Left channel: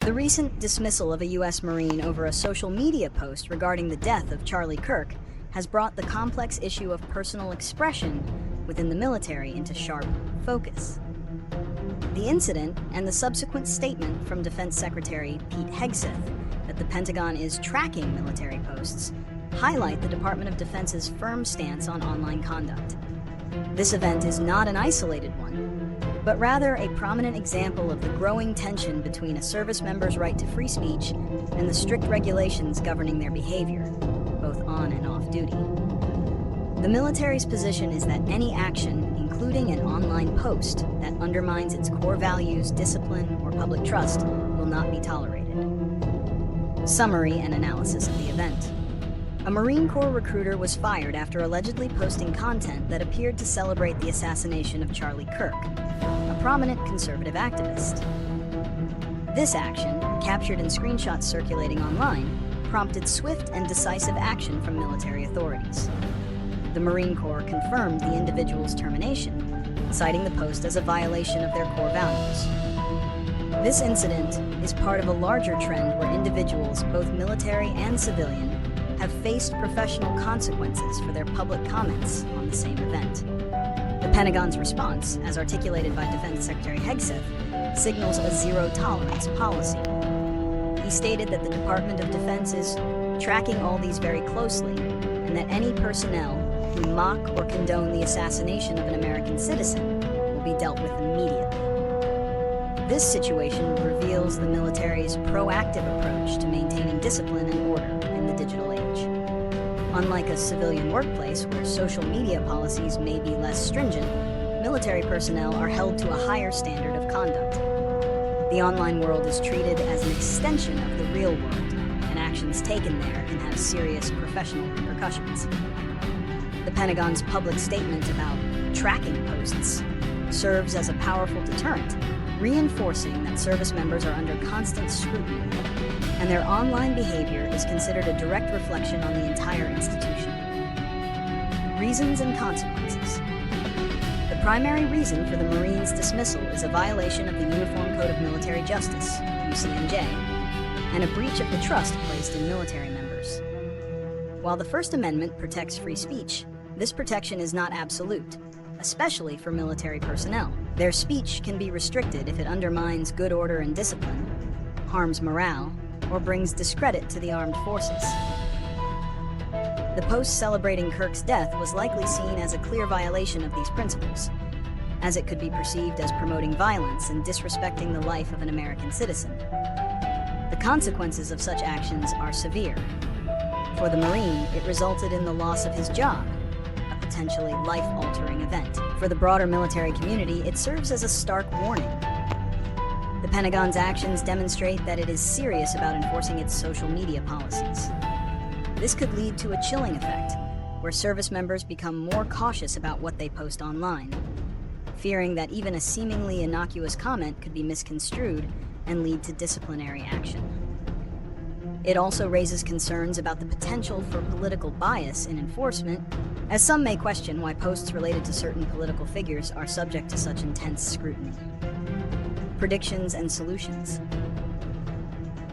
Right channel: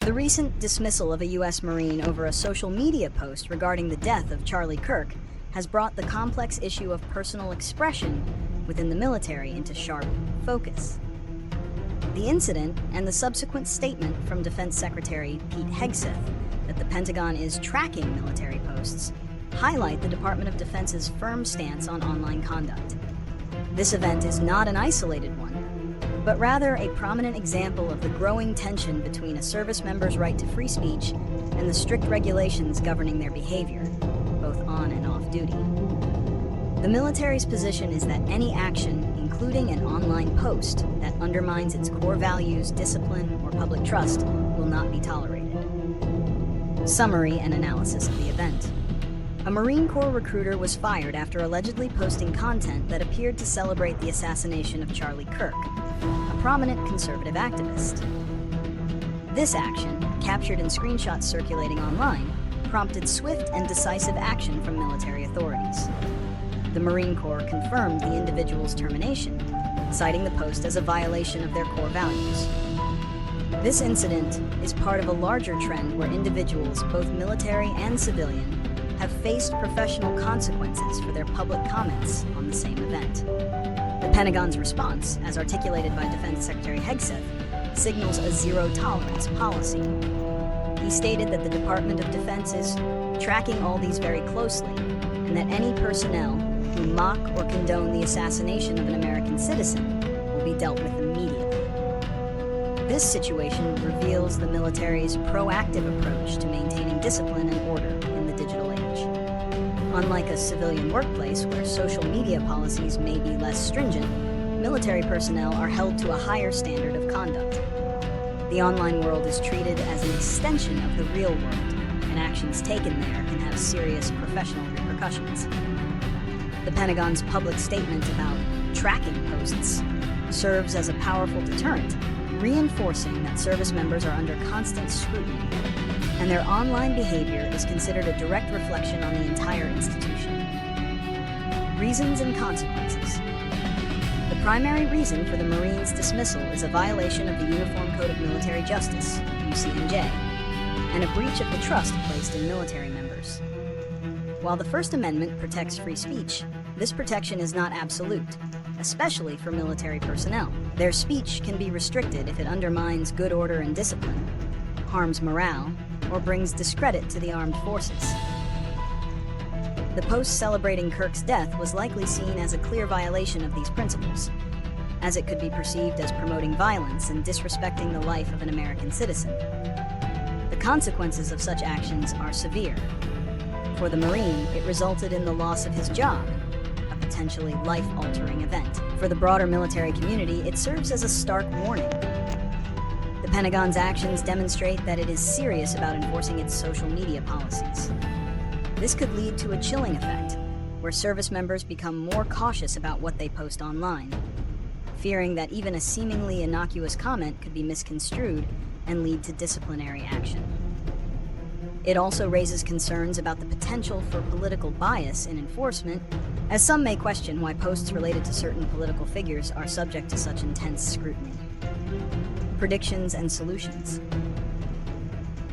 The recent dismissal of a U.S. Marine over a social media post regarding the death of Charlie Kirk has brought the complex issue of personal expression within the military into sharp focus. The incident and the subsequent statement from Defense Secretary Pete Hegseth that the Pentagon is tracking military posts highlight the Department of Defense's firm stance on online conduct. This event is not an isolated one, but rather a prominent example of the growing tension between a service member's right to free speech and the strict regulations governing their behavior, both on and off duty. The military's position is that any action, including an online post, that undermines its core values, discipline, or public trust will not be tolerated. Summary and analysis of the event. A Marine Corps recruiter was fired after allegedly posting content that appeared to celebrate the assassination of Charlie Kirk, a prominent conservative activist. This action, captured in screenshots circulating online, prompted swift and decisive action from military authorities. The Marine Corps confirmed the individual's termination, citing the post as a violation of their core values. This incident is part of a larger trend where individuals, both military and civilian, have faced professional consequences for their public comments on the same event. The Pentagon's response, as articulated by Defense Secretary Hegseth, signals a zero-tolerance policy. He stated that the Department of Defense is tracking all these very closely, and that any personnel who mock or condone the assassination of an American citizen will be dealt with immediately. This situation reveals the military's proactive approach to maintaining discipline and order in the digital age. Unlike a civilian workplace where social media policies may be less stringent, military personnel are held to a higher standard of conduct. The online world is treated as an extension of the real world, and actions taken there can have serious professional repercussions. The Pentagon's public statement about tracking posts serves as a powerful deterrent, reinforcing that service members are under constant scrutiny, and their online behavior is considered a direct reflection on the entire institution. Reasons and consequences. The primary reason for the Marines' dismissal is a violation of the Uniform Code of Military Justice, U.S.M.C, and a breach of the trust placed in military members. While the First Amendment protects free speech, this protection is not absolute, especially for military personnel. Their speech can be restricted if it undermines good order and discipline, harms morale, or brings discredit to the armed forces. The post celebrating Kirk's death was likely seen as a clear violation of these principles, as it could be perceived as promoting violence and disrespecting the life of an American citizen. The consequences of such actions are severe. For the Marine, it resulted in the loss of his job, a potentially life-altering event. For the broader military community, it serves as a stark warning. The Pentagon's actions demonstrate that it is serious about enforcing its social media policies. This could lead to a chilling effect, where service members become more cautious about what they post online, fearing that even a seemingly innocuous comment could be misconstrued and lead to disciplinary action. It also raises concerns about the potential for political bias in enforcement, as some may question why posts related to certain political figures are subject to such intense scrutiny. Predictions and solutions.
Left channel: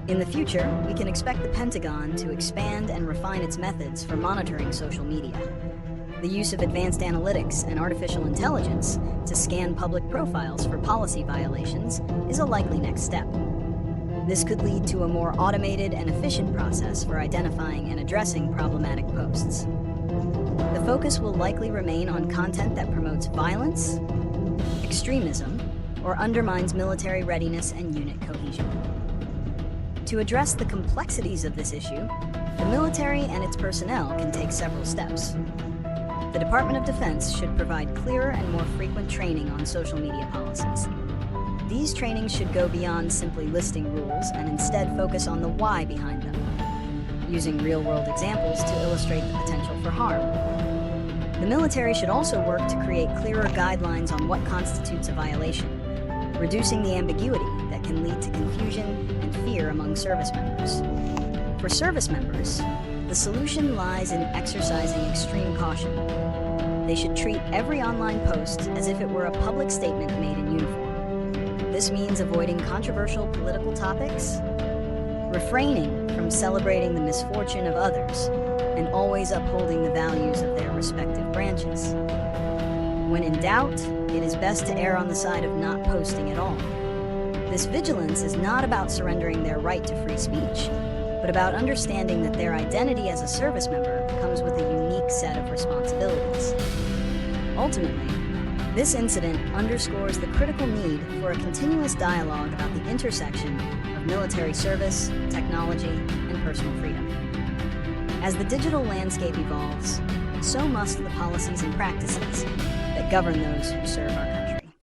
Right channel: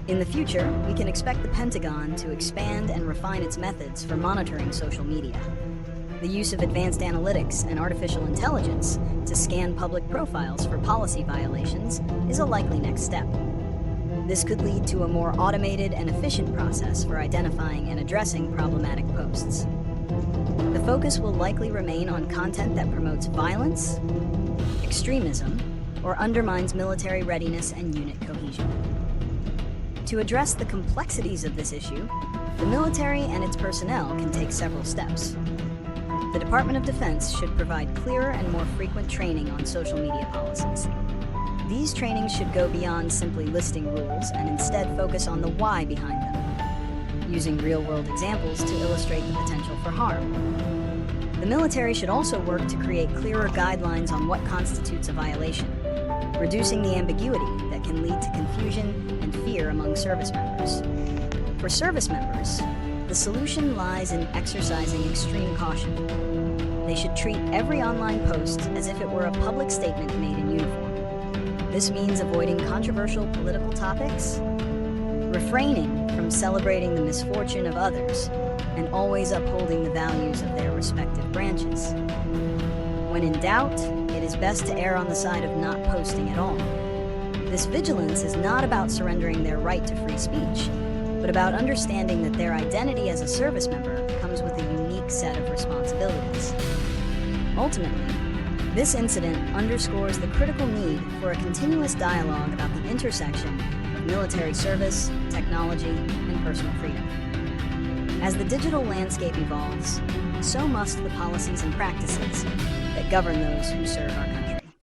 In the future, we can expect the Pentagon to expand and refine its methods for monitoring social media. The use of advanced analytics and artificial intelligence to scan public profiles for policy violations is a likely next step. This could lead to a more automated and efficient process for identifying and addressing problematic posts. The focus will likely remain on content that promotes violence, extremism, or undermines military readiness and unit cohesion. To address the complexities of this issue, the military and its personnel can take several steps. The Department of Defense should provide clearer and more frequent training on social media policies. These trainings should go beyond simply listing rules and instead focus on the why behind them, using real-world examples to illustrate the potential for harm. The military should also work to create clearer guidelines on what constitutes a violation, reducing the ambiguity that can lead to confusion and fear among service members. For service members, the solution lies in exercising extreme caution. They should treat every online post as if it were a public statement made in uniform. This means avoiding controversial political topics, refraining from celebrating the misfortune of others, and always upholding the values of their respective branches. When in doubt, it is best to err on the side of not posting at all. This vigilance is not about surrendering their right to free speech, but about understanding that their identity as a service member comes with a unique set of responsibilities. Ultimately, this incident underscores the critical need for a continuous dialogue about the intersection of military service, technology, and personal freedom. As the digital landscape evolves, so must the policies and practices that govern those who serve our country.